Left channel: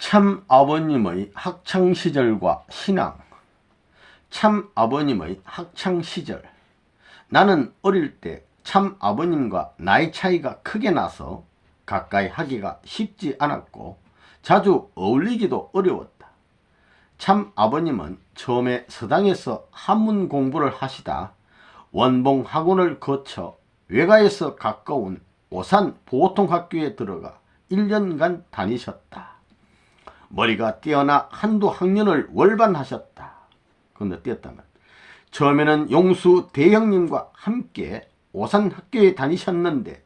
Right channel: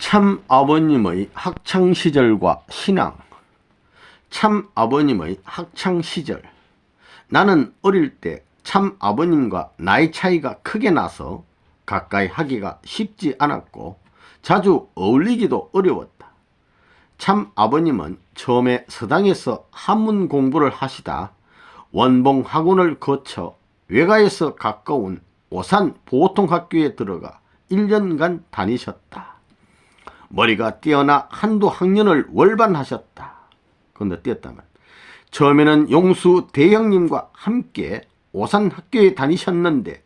참 아버님의 학창시절과 신앙. 참 아버님의 학창시절. 나는 어릴 때 참 아버님과 나이 차이가 크게 나서 가까이 하기가 쉽지 않았고 자주 어울리기도 어려웠다. 참 아버님은 처음에 서당에서 한문 공부를 하시다 원봉 학원을 거쳐 외가에서 가까운 오산 보통학교에 들어가 1년간 다니셨다. 머리가 뛰어나 한두 학년을 월반하셨다. 근데 뛰었다면 처음에는 용수 대형님과 함께 오산학교에 다니셨는데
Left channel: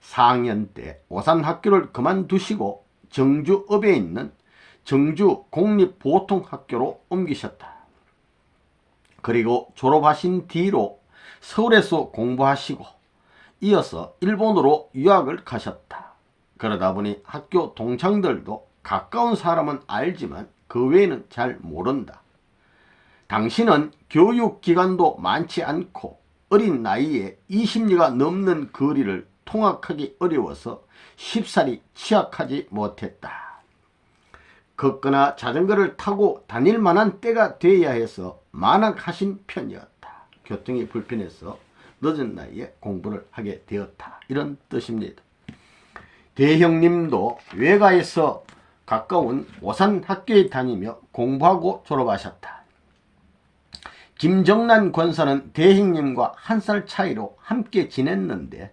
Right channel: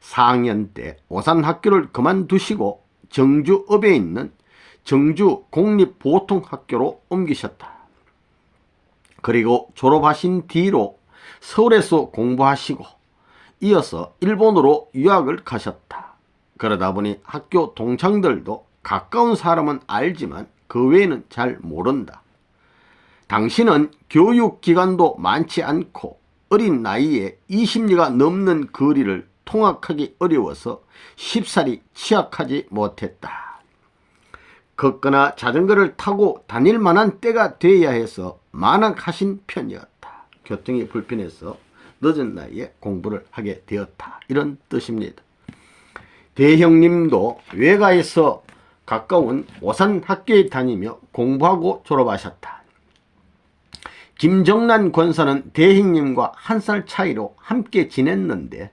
4학년 때 오산학교를 그만두시고 정주읍에 있는 정주공립보통학교로 옮기셨다. 그리고 졸업하신 뒤로 서울에서 공부하시고 이어서 일본으로 유학을 가셨다. 그러다 보니 학교 동창들도 가까운 사람은 알지만 그 외에는 잘 모른다. 당신은 교육기관도 많지 않고 어린 나이에 20리가 넘는 거리를 통학하기 어려워서 쉽사리 취학하지 못했다. 걷거나 자전거를 타고 다닐 만한 때가 돼야 해서 만학하신 편이었다. 교통이 불편해서 늦은 나이에 공부를 하게 되었다. 이런 뜻입니다. 대형님도 외가에서 가까운 오산학교에 다니며 공부하고 졸업하셨다. 김정란 권사는 대형님과 1살 차이로 함께 지냈는데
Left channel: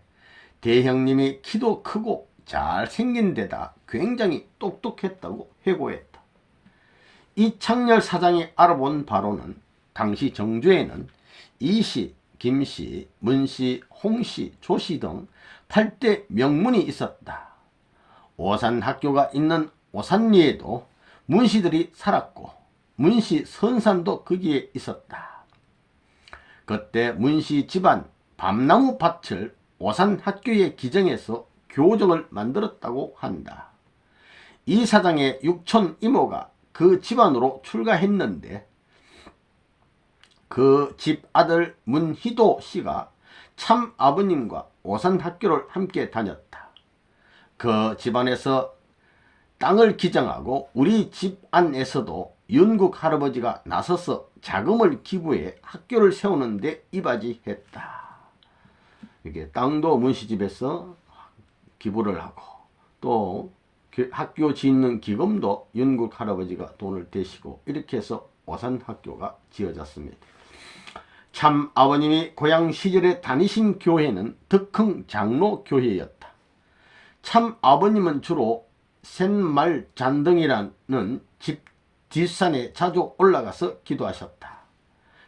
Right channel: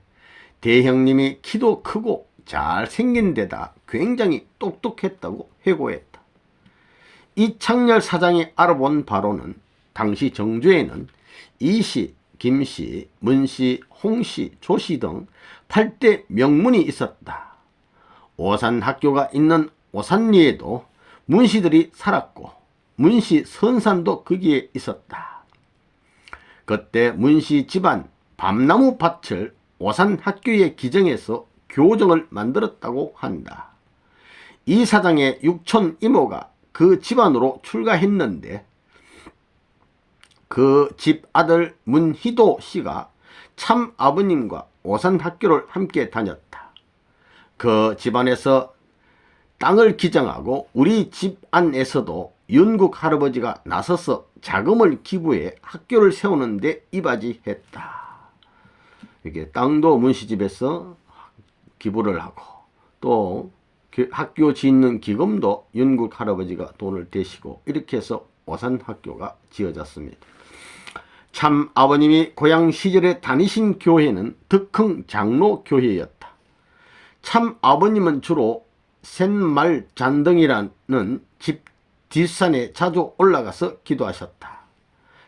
대형님이 키도 크고 잘생긴 데다 굉장히 똑똑했다고 회고했다. 이창렬 사장이 알아본 바로는 당시 정주에는 이씨, 김씨, 문씨, 홍씨, 조씨 등 8대 명문이 있었다. 오산학교가 있는 오산리에도 문씨들이 살았고 문씨 선산도 거기에 있었다. 그때 문씨 집안 밤나무 밭을 오산학교에 기증해서 교정을 만들었다고 한다. 이 사장의 육촌 이모가 그 집안으로 출가했는데 그 집 아들 문희도 씨가 참 아버님과 오산학교를 함께 다녔다. 그 집안에서 땅을 기증하고 우리 집안에서도 윤국 할아버지가 나서서 자금을 기부해 학교를 세우는데 이바지했다. 이게 땅도 문씨집에서 기부를 하고 또 학교 짓는 기금도 윤국 할아버지가 돈을 대시고 이렇게 해서 오산학교가 지어졌습니다. 참 아버님이 고향 시절에 다니신 교회는 덕흥 장로교회였다. 참 아버님은 주로 샌말 잔등이라는 집 뒷산에 자주 올라가서 기도하셨다.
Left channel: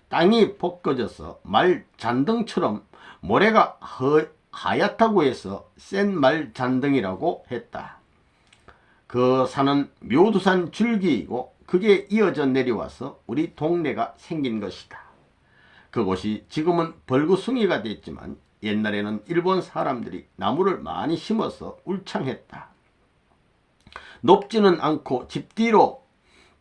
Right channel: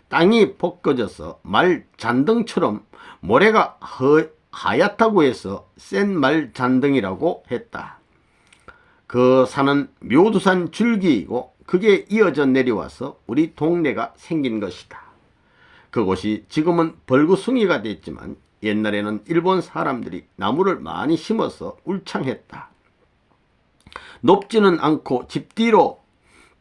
땅이 벗겨져서 말 잔등처럼 모래가 하얗다고 해서 샌말 잔등이라고 했다. 그 산은 묘두산 줄기이고 그게 이어져 내려와서 우리 동네가 생긴 것이다. 그곳이 지금은 벌구숭이가 됐지만 옛날에는 일본 사람들이 나무를 많이 심어서 울창했다. 높지는 않고 집 뒤로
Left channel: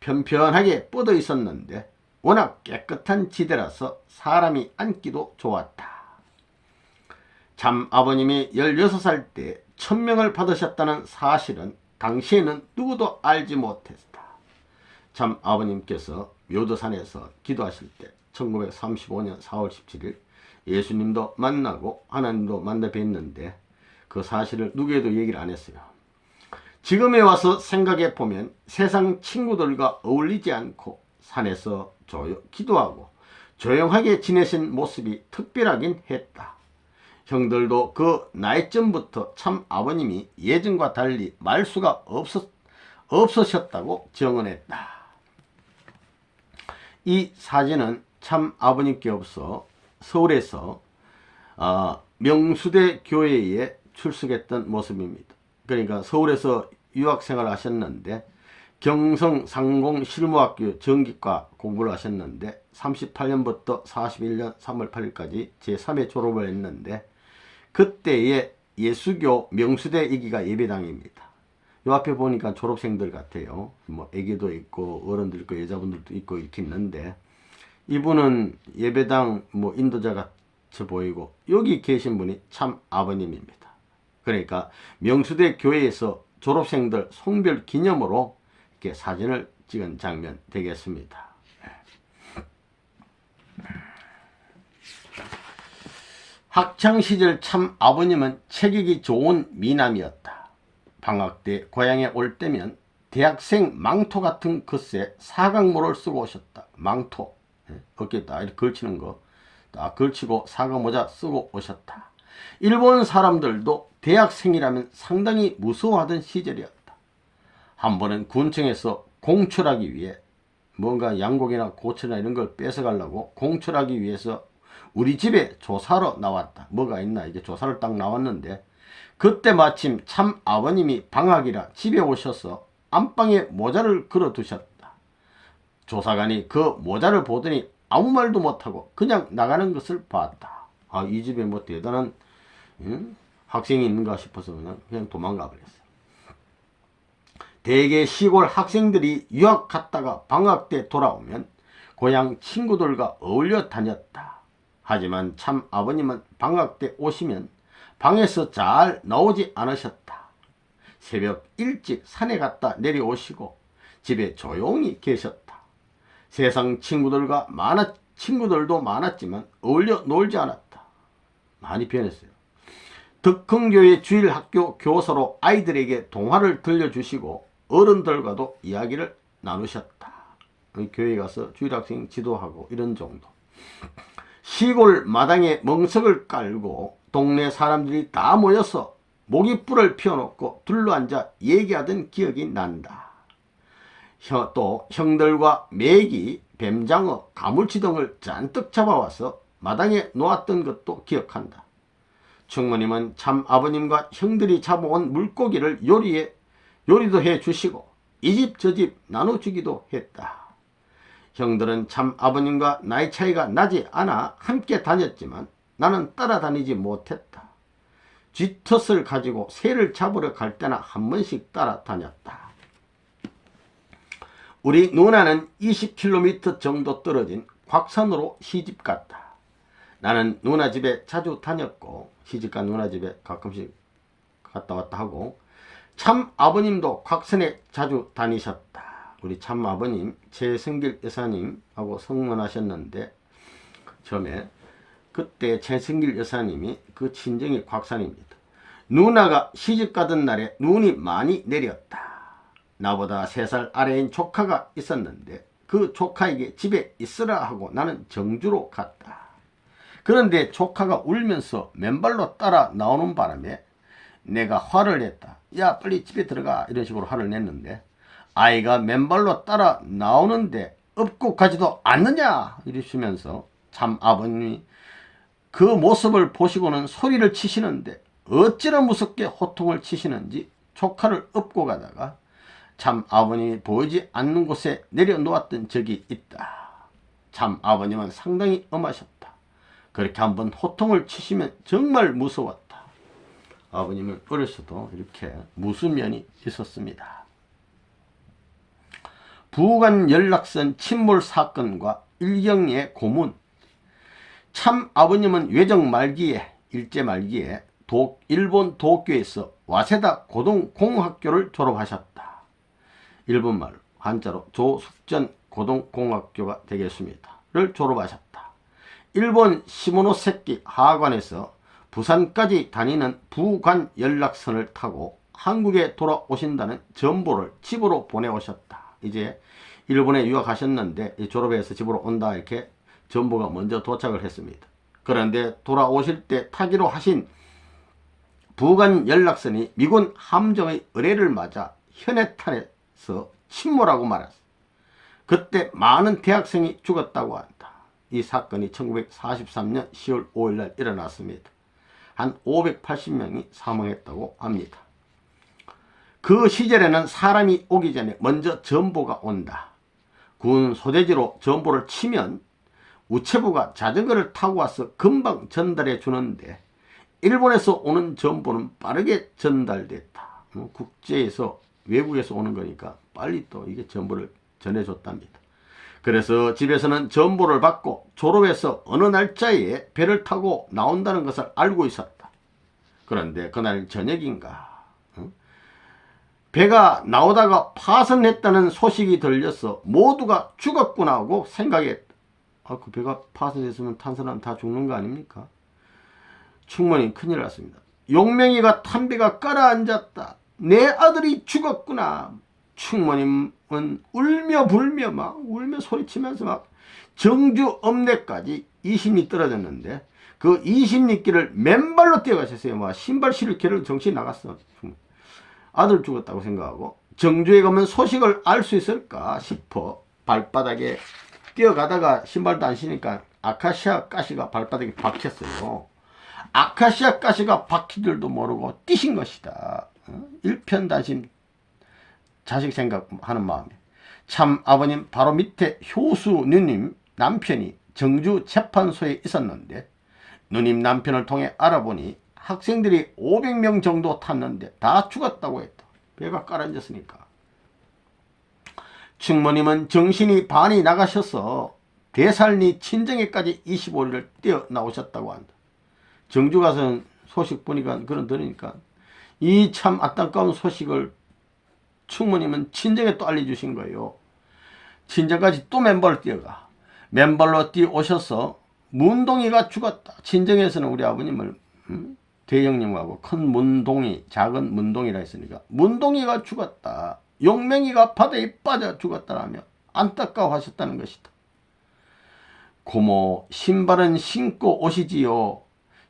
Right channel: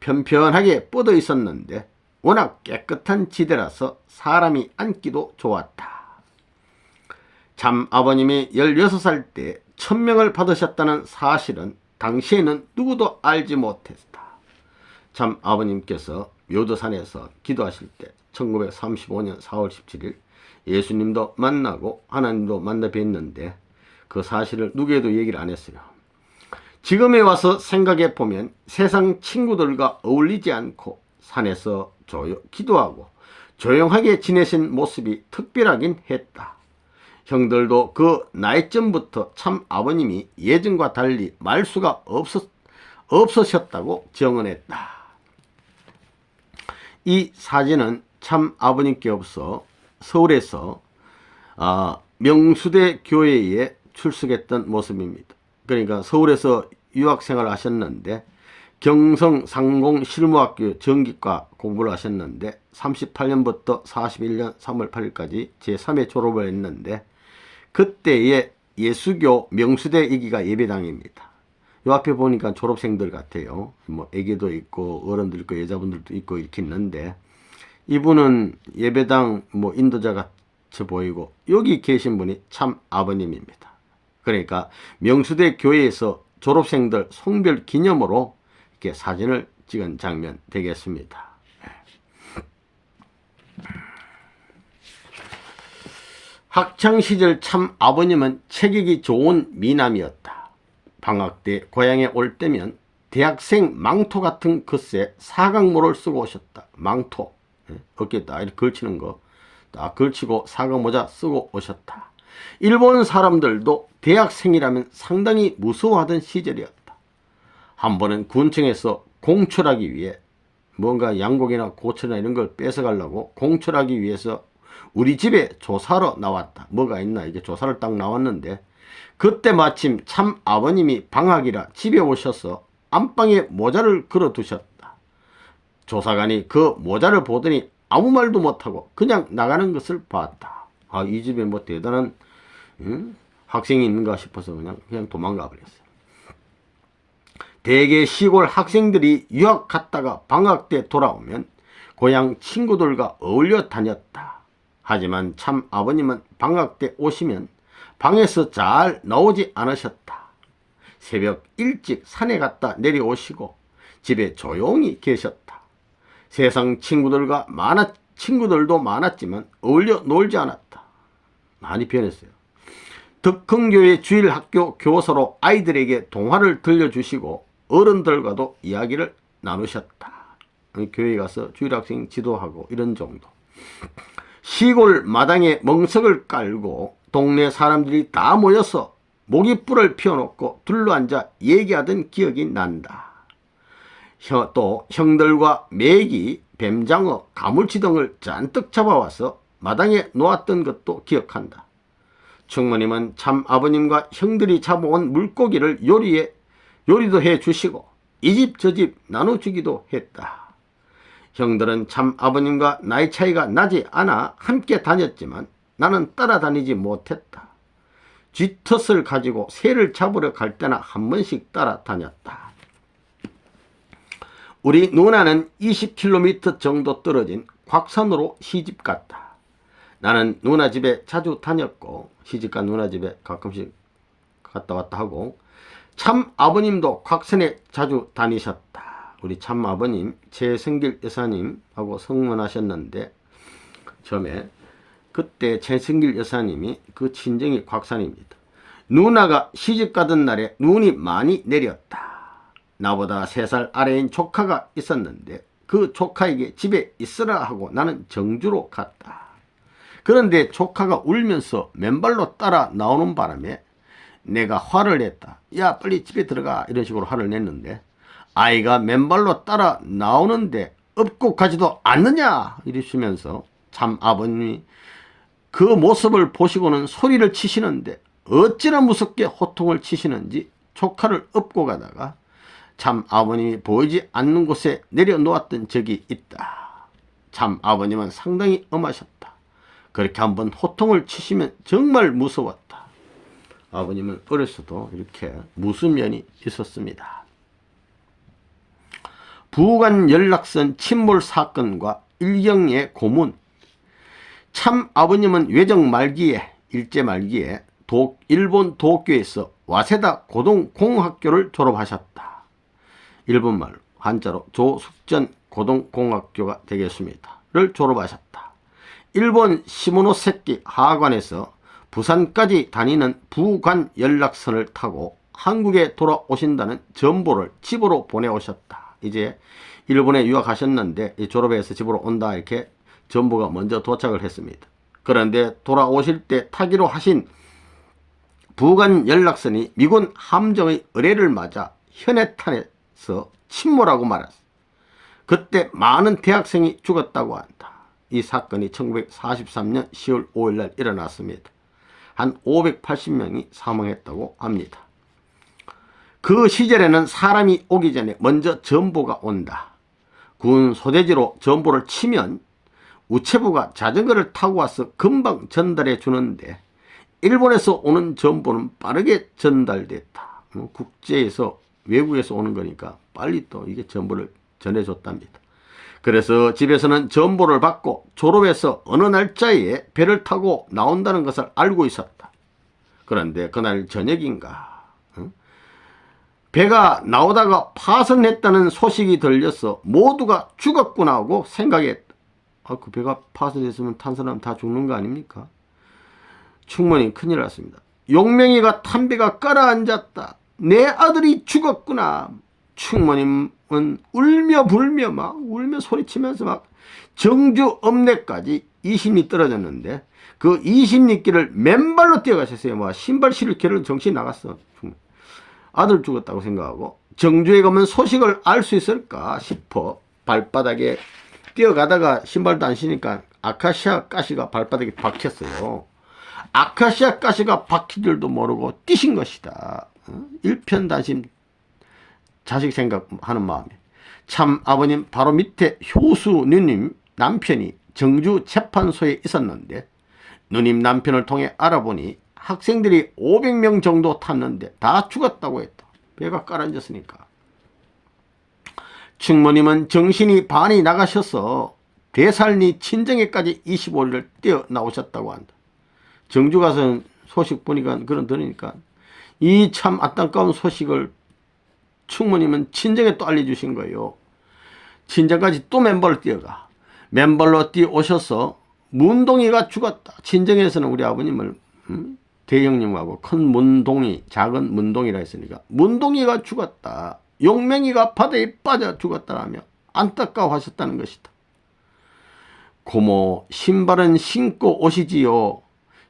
편편하게 뻗어 있었는데 워낙 깨끗한 지대라서 사람이 앉기도 좋았다. 참 아버님이 16살 때 천명을 받으셨다는 사실은 당시에는 누구도 알지 못했다. 참 아버님께서 묘도산에서 기도하실 때 1935년 4월 17일 예수님도 만나고 하나님도 만나 뵀는데 그 사실을 누구에도 얘기를 안 했어요. 지금에 와서 생각해 보면 세상 친구들과 어울리지 않고 산에서 기도하고 조용하게 지내신 모습이 특별하긴 했다. 형들도 그 나이쯤부터 참 아버님이 예전과 달리 말수가 없으셨다고 증언했다. 이 사진은 참 아버님께 없어 서울에서 명수대 교회에 출석했던 모습입니다. 그러니까 서울에서 유학생활을 하셨는데 경성 상공 실무학교 전기과 공부를 하셨는데 38년부터 41년 3월 8일까지 제3회 졸업을 했는데 그때의 예수교 명수대 이기가 예배당입니다. 요 앞에 보니까 졸업생들 같아요. 뭐 애기도 있고 어른들 있고 여자분들도 있고 이렇게 있는데 이분은 예배당 뭐 인도자 같이 보이고 여기 계신 분이 참 아버님입니다. 그러니까 명수대 교회에서 졸업생들 송별 기념으로 함께 사진을 찍은 장면 되겠습니다. 학창시절 참 아버님은 체격이 좋은 미남이었다. 방학 때 고향에 올 때면 대학생 망토 같은 겉에 사각모를 쓰고 오셨다. 망토, 어깨에다 이렇게 걸치는 거 딱 걸치고 사각모자 쓰고 오셨다. 일본 사람들도 대학생이라면 상당히 무서워하던 시절이었다. 한 번은 군청에서 공출하기 위해 뭔가 양고기나 고추나 이런 걸 뺏어가려고 공출하기 위해서 우리 집에 조사로 나왔다. 뭐가 있나 이게 조사를 딱 나왔는데 그때 마침 참 아버님이 방학이라 집에 오셔서 안방에 모자를 걸어 두셨다. 조사관이 그 모자를 보더니 아무 말도 못하고 그냥 나가는 것을 봤다. 아, 이 집에 뭐 대단한 학생이 있는가 싶어서 그냥 도망가 버렸어요. 대개 시골 학생들이 유학 갔다가 방학 때 돌아오면 고향 친구들과 어울려 다녔다. 하지만 참 아버님은 방학 때 오시면 방에서 잘 나오지 않으셨다. 새벽 일찍 산에 갔다 내려오시고 집에 조용히 계셨다. 세상 친구들도 많았지만 어울려 놀지 않았다. 많이 변했어요. 덕흥교회 주일학교 교사로 아이들에게 동화를 들려주시고 어른들과도 이야기를 나누셨다. 교회 가서 주일학생 지도하고 이런 정도. 시골 마당에 멍석을 깔고 동네 사람들이 다 모여서 모깃불을 피워놓고 둘러앉아 얘기하던 기억이 난다. 또 형들과 메기, 뱀장어, 가물치 등을 잔뜩 잡아와서 마당에 놓았던 것도 기억한다. 청모님은 참 아버님과 형들이 잡아온 물고기를 요리도 해주시고 이 집 저 집 나눠주기도 했다. 형들은 참 아버님과 나이 차이가 나지 않아 함께 다녔지만 나는 따라다니지 못했다. 쥐덫을 가지고 새를 잡으러 갈 때나 한 번씩 따라다녔다. 우리 누나는 20km 정도 떨어진 곽산으로 시집갔다. 나는 누나 집에 자주 다녔고 시집간 누나 집에 가끔씩 갔다 왔다 하고 참 아버님도 곽산에 자주 다니셨다. 우리 참 아버님 최승길 여사님하고 성혼하셨는데 처음에 그때 최승길 여사님이 그 친정이 곽산입니다. 누나가 시집가던 날에 눈이 많이 내렸다. 나보다 3살 아래인 조카가 있었는데 그 조카에게 집에 있으라 하고 나는 정주로 갔다. 그런데 조카가 울면서 맨발로 따라 나오는 바람에 내가 화를 냈다. 야 빨리 집에 들어가 이런 식으로 화를 냈는데 아이가 맨발로 따라 나오는데 업고 가지도 않느냐 이러시면서 참 아버님이 그 모습을 보시고는 소리를 치시는데 어찌나 무섭게 호통을 치시는지 조카를 업고 가다가 참 아버님이 보이지 않는 곳에 내려놓았던 적이 있다. 참 아버님은 상당히 엄하셨다. 그렇게 한번 호통을 치시면 정말 무서웠다. 아버님은 어렸어도 이렇게 무슨 면이 있었습니다. 부관 연락선 침몰 사건과 일경의 고문. 참 아버님은 외정 말기에 일제 말기에 일본 도쿄에서 와세다 고등공학교를 졸업하셨다. 일본말 한자로 조숙전 고등공학교가 되겠습니다. 를 졸업하셨다. 일본 시모노세키 하관에서 부산까지 다니는 부관 연락선을 타고 한국에 돌아오신다는 전보를 집으로 보내오셨다. 이제 일본에 유학하셨는데 졸업해서 집으로 온다 이렇게 전보가 먼저 도착을 했습니다. 그런데 돌아오실 때 타기로 하신 부관 연락선이 미군 함정의 의뢰를 맞아 현해탄에서 침몰하고 말았어. 그때 많은 대학생이 죽었다고 한다. 이 사건이 1943년 10월 5일 날 일어났습니다. 한 580명이 사망했다고 합니다. 그 시절에는 사람이 오기 전에 먼저 전보가 온다. 군 소대지로 전보를 치면 우체부가 자전거를 타고 와서 금방 전달해 주는데 일본에서 오는 전보는 빠르게 전달됐다. 국제에서 외국에서 오는 거니까 빨리 또 이게 전보를 전해줬답니다. 그래서 집에서는 전보를 받고 졸업해서 어느 날짜에 배를 타고 나온다는 것을 알고 있었다. 그런데 그날 저녁인가 배가 나오다가 파손했다는 소식이 들려서 모두가 죽었구나 하고 생각했다. 그 배가 파손됐으면 탄 사람 다 죽는 거 아닙니까? 충무님 큰일 났습니다. 용명이가 탄 배가 깔아앉았다. 내 아들이 죽었구나. 충무님은 울며 불며 막 울며 소리치면서 막 정주 읍내까지 20리 떨어졌는데 그 20리길을 맨발로 뛰어가셨어요. 뭐 신발 신을 길을 정신이 나갔어. 아들 죽었다고 생각하고 정주에 가면 소식을 알 수 있을까 싶어 발바닥에 뛰어가다가 신발도 안 신으니까 아카시아 가시가 발바닥에 박혔어요. 아카시아 가시가 박힌 줄도 모르고 뛰신 것이다. 일편단심 자식 생각하는 마음에 참 아버님 바로 밑에 효수 누님 남편이 정주 재판소에 있었는데 누님 남편을 통해 알아보니 학생들이 500명 정도 탔는데 다 죽었다고 했다. 배가 깔아앉았으니까. 충무님은 정신이 반이 나가셔서 대살리 친정에까지 25리를 뛰어나오셨다고 한다. 정주 가서는 소식 보니까 그런 들으니까 이 참 안타까운 소식을 충무님은 친정에 또 알려주신 거예요. 친정까지 또 맨발로 뛰어가. 맨발로 뛰어오셔서 문동이가 죽었다. 친정에서는 우리 아버님을 대형님하고 큰 문동이 작은 문동이라 했으니까 문동이가 죽었다. 용명이가 바다에 빠져 죽었다라며 안타까워하셨다는 것이다. 고모 신발은 신고 오시지요.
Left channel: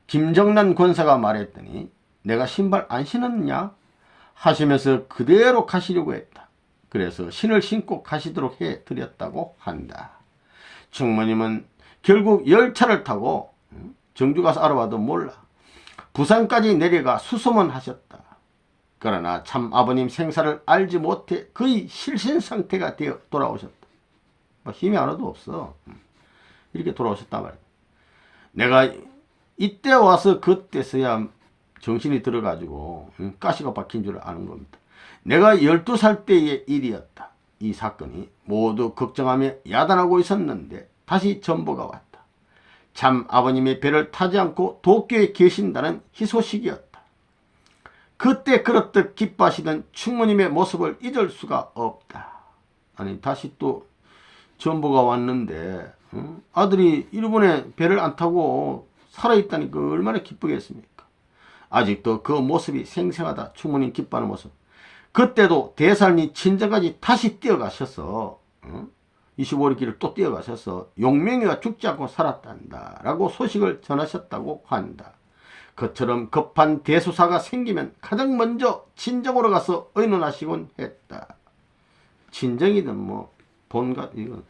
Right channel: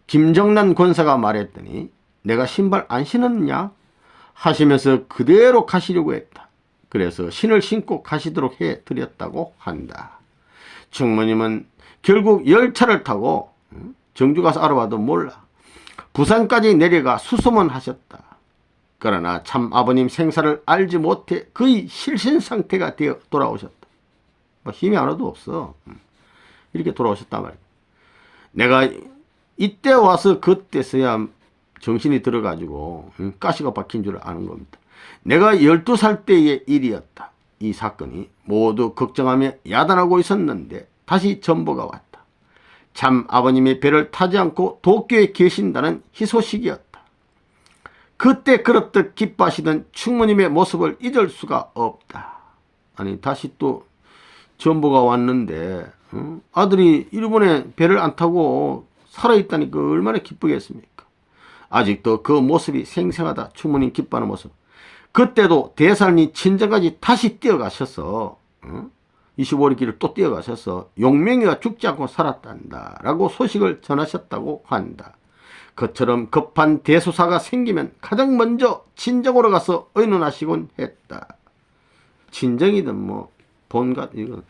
김정란 권사가 말했더니 내가 신발 안 신었냐 하시면서 그대로 가시려고 했다. 그래서 신을 신고 가시도록 해드렸다고 한다. 충무님은 결국 열차를 타고 정주 가서 알아봐도 몰라. 부산까지 내려가 수소문 하셨다. 그러나 참 아버님 생사를 알지 못해 거의 실신 상태가 되어 돌아오셨다. 뭐 힘이 하나도 없어. 이렇게 돌아오셨단 말이야. 내가 이때 와서 그때서야 정신이 들어가지고 가시가 박힌 줄 아는 겁니다. 내가 12살 때의 일이었다. 이 사건이 모두 걱정하며 야단하고 있었는데 다시 전보가 왔다. 참 아버님이 배를 타지 않고 도쿄에 계신다는 희소식이었다. 그때 그렇듯 기뻐하시던 충무님의 모습을 잊을 수가 없다. 아니 다시 또 전보가 왔는데 아들이 일본에 배를 안 타고 살아있다니까 얼마나 기쁘겠습니까? 아직도 그 모습이 생생하다. 충무님 기뻐하는 모습. 그때도 대살리 친정까지 다시 뛰어가셔서 25리 길을 또 뛰어가셔서 용명이가 죽지 않고 살았단다 라고 소식을 전하셨다고 한다. 그처럼 급한 대소사가 생기면 가장 먼저 친정으로 가서 의논하시곤 했다. 친정이든 뭐 본가 이건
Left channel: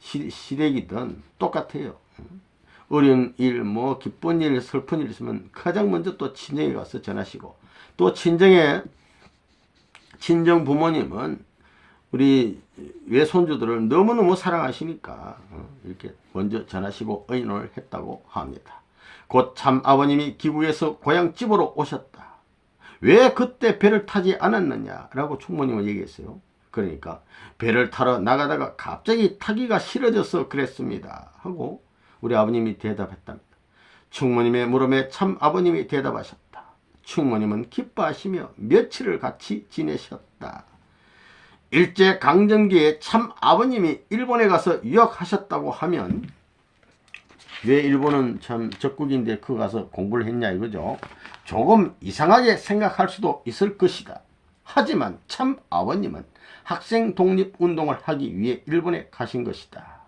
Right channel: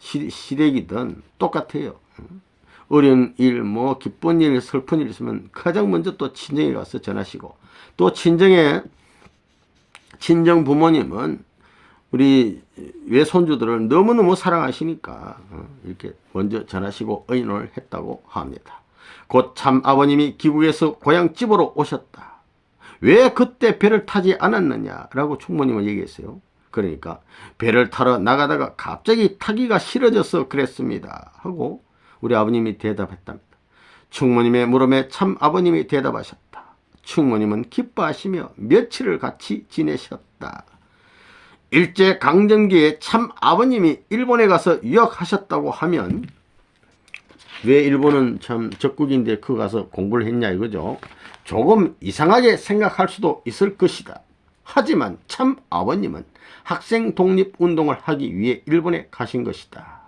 시댁이든 똑같아요. 어려운 일, 뭐 기쁜 일, 슬픈 일 있으면 가장 먼저 또 친정에 가서 전하시고 또 친정 부모님은 우리 외손주들을 너무너무 사랑하시니까 이렇게 먼저 전하시고 의논을 했다고 합니다. 곧 참 아버님이 귀국에서 고향집으로 오셨다. 왜 그때 배를 타지 않았느냐라고 충무님은 얘기했어요. 그러니까 배를 타러 나가다가 갑자기 타기가 싫어져서 그랬습니다 하고 우리 아버님이 대답했답니다. 충무님의 물음에 참 아버님이 대답하셨다. 충무님은 기뻐하시며 며칠을 같이 지내셨다. 일제강점기에 참 아버님이 일본에 가서 유학하셨다고 하면 왜 일본은 참 적국인데 그 가서 공부를 했냐 이거죠. 조금 이상하게 생각할 수도 있을 것이다. 하지만 참 아버님은 학생 독립운동을 하기 위해 일본에 가신 것이다.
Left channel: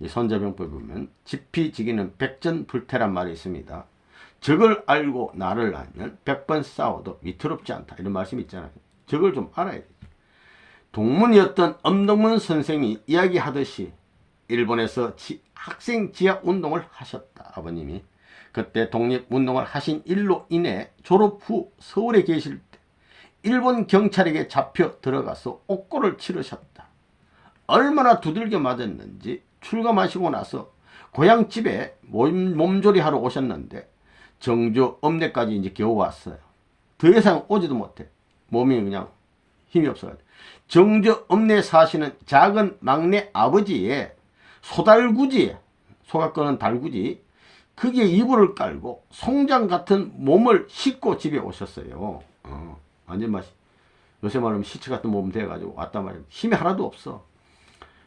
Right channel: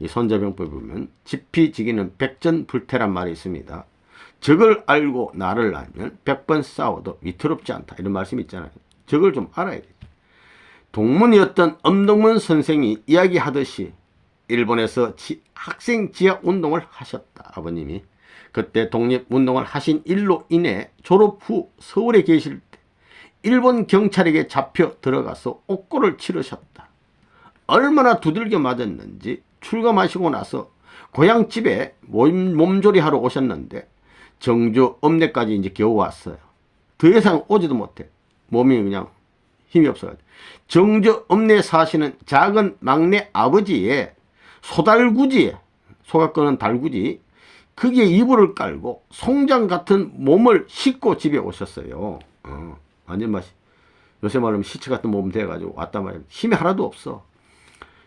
이 손자병법에 보면 지피지기는 백전불태란 말이 있습니다. 적을 알고 나를 알면 100번 싸워도 위태롭지 않다. 이런 말씀이 있잖아요. 적을 좀 알아야 돼. 동문이었던 엄동문 선생이 이야기하듯이 일본에서 학생 지하운동을 하셨다. 아버님이. 그때 독립운동을 하신 일로 인해 졸업 후 서울에 계실 때 일본 경찰에게 잡혀 들어가서 옥고를 치르셨다. 얼마나 두들겨 맞았는지 출감하시고 나서 고향집에 몸조리하러 오셨는데 정주 읍내까지 이제 겨우 왔어요. 더 이상 오지도 못해. 몸이 그냥 힘이 없어가지고. 정주 읍내에 사시는 작은 막내 아버지의 소달구지에 소가 끄는 달구지 거기에 이불을 깔고 송장 같은 몸을 싣고 집에 오셨어요. 완전 맛이 요새 말하면 시체 같은 몸 돼가지고 왔단 말이야. 힘이 하나도 없어.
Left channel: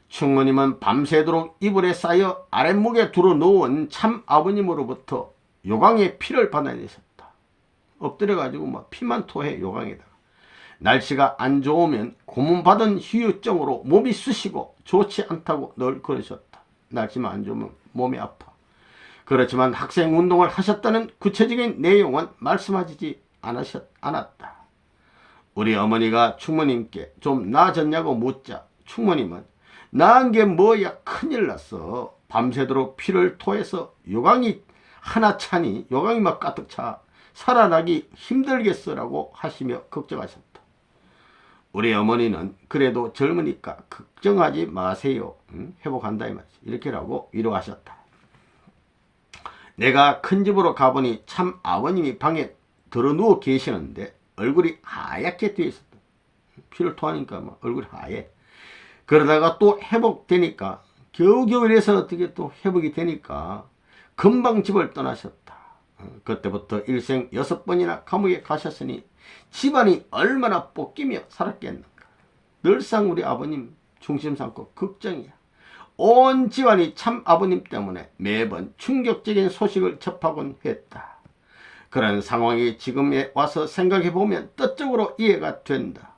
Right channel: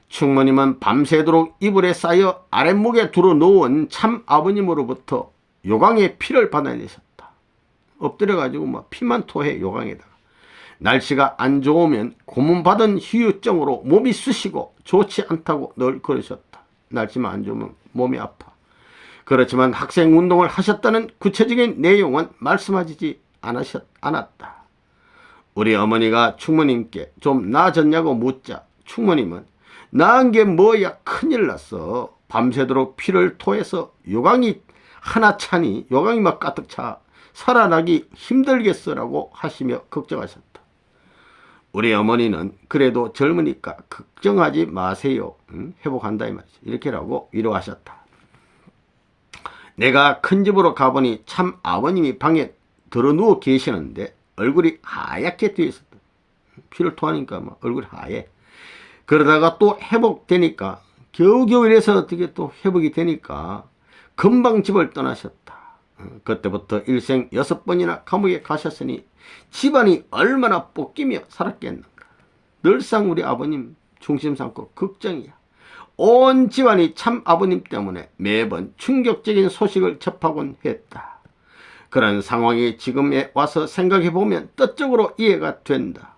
충모님은 밤새도록 이불에 쌓여 아랫목에 두루 놓은 참 아버님으로부터 요강의 피를 받아내셨다. 엎드려가지고 막 피만 토해 요강에다가. 날씨가 안 좋으면 고문받은 후유증으로 몸이 쑤시고 좋지 않다고 늘 그러셨다. 날씨만 안 좋으면 몸이 아파. 그렇지만 학생 운동을 하셨다는 구체적인 내용은 말씀하지 않았다. 우리 어머니가 충모님께 좀 나아졌냐고 묻자 충모님은 나은 게 뭐야 큰일 났어. 밤새도록 피를 토해서 요강이 하나 차니 요강이 막 가득 차 살아나기 힘들겠어라고 하시며 걱정하셨다. 우리 어머니는 그래도 젊으니까 걱정하지 마세요. 회복한다 이 말이지. 이렇게라고 위로하셨다. 내가 큰 집으로 가보니 참 아버님이 방에 들어누워 계시는데 얼굴이 하얗게 되어 있었다. 피를 토하니까 막 얼굴이 하얘. 그러다가 또 회복되니까 겨우겨우 이래서 어떻게 또 회복이 되니까 금방 집을 떠나셨다. 그때부터 일생 6번이나 감옥에 가셨으니 집안이 얼마나 볶이며 살았겠는가. 늘상 우리 아버님 중심 삼고 걱정이야. 온 집안이 참 아버님 때문에 매번 충격적인 소식을 접하곤 했다. 그런 상황이 지금에 와서 생각해보면 뜻적으로 이해가 된다.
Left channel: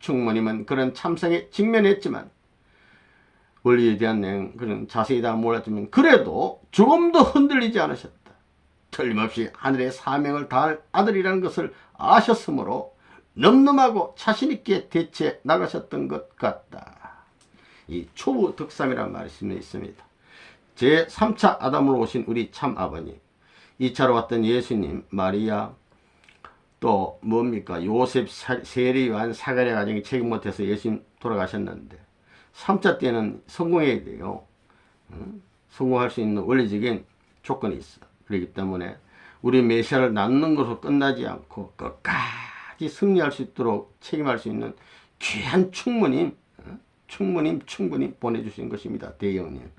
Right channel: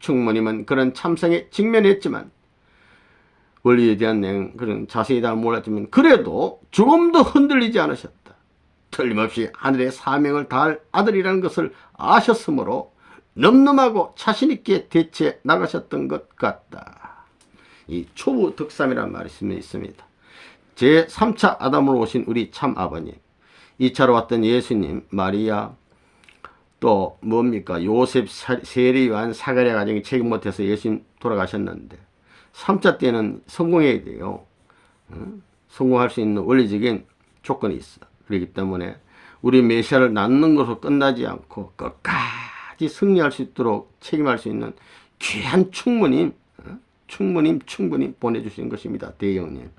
충모님은 그런 참상에 직면했지만 원리에 대한 내용 그런 자세히 다 몰랐지만 그래도 조금도 흔들리지 않으셨다. 틀림없이 하늘의 사명을 다할 아들이라는 것을 아셨으므로 넘넘하고 자신있게 대처해 나가셨던 것 같다. 이 초부 득삼이라는 말이 있습니다. 제3차 아담으로 오신 우리 참 아버님, 2차로 왔던 예수님, 마리아, 또 뭡니까 요셉, 세리, 요한, 사가랴 가정이 책임 못해서 예수님 돌아가셨는데 3차 때는 성공해야 돼요. 성공할 수 있는 원리적인 조건이 있어. 그렇기 때문에 우리 메시아를 낳는 것으로 끝나지 않고 끝까지 승리할 수 있도록 책임할 수 있는 귀한 충모님 충분히 보내주신 것입니다. 대형님.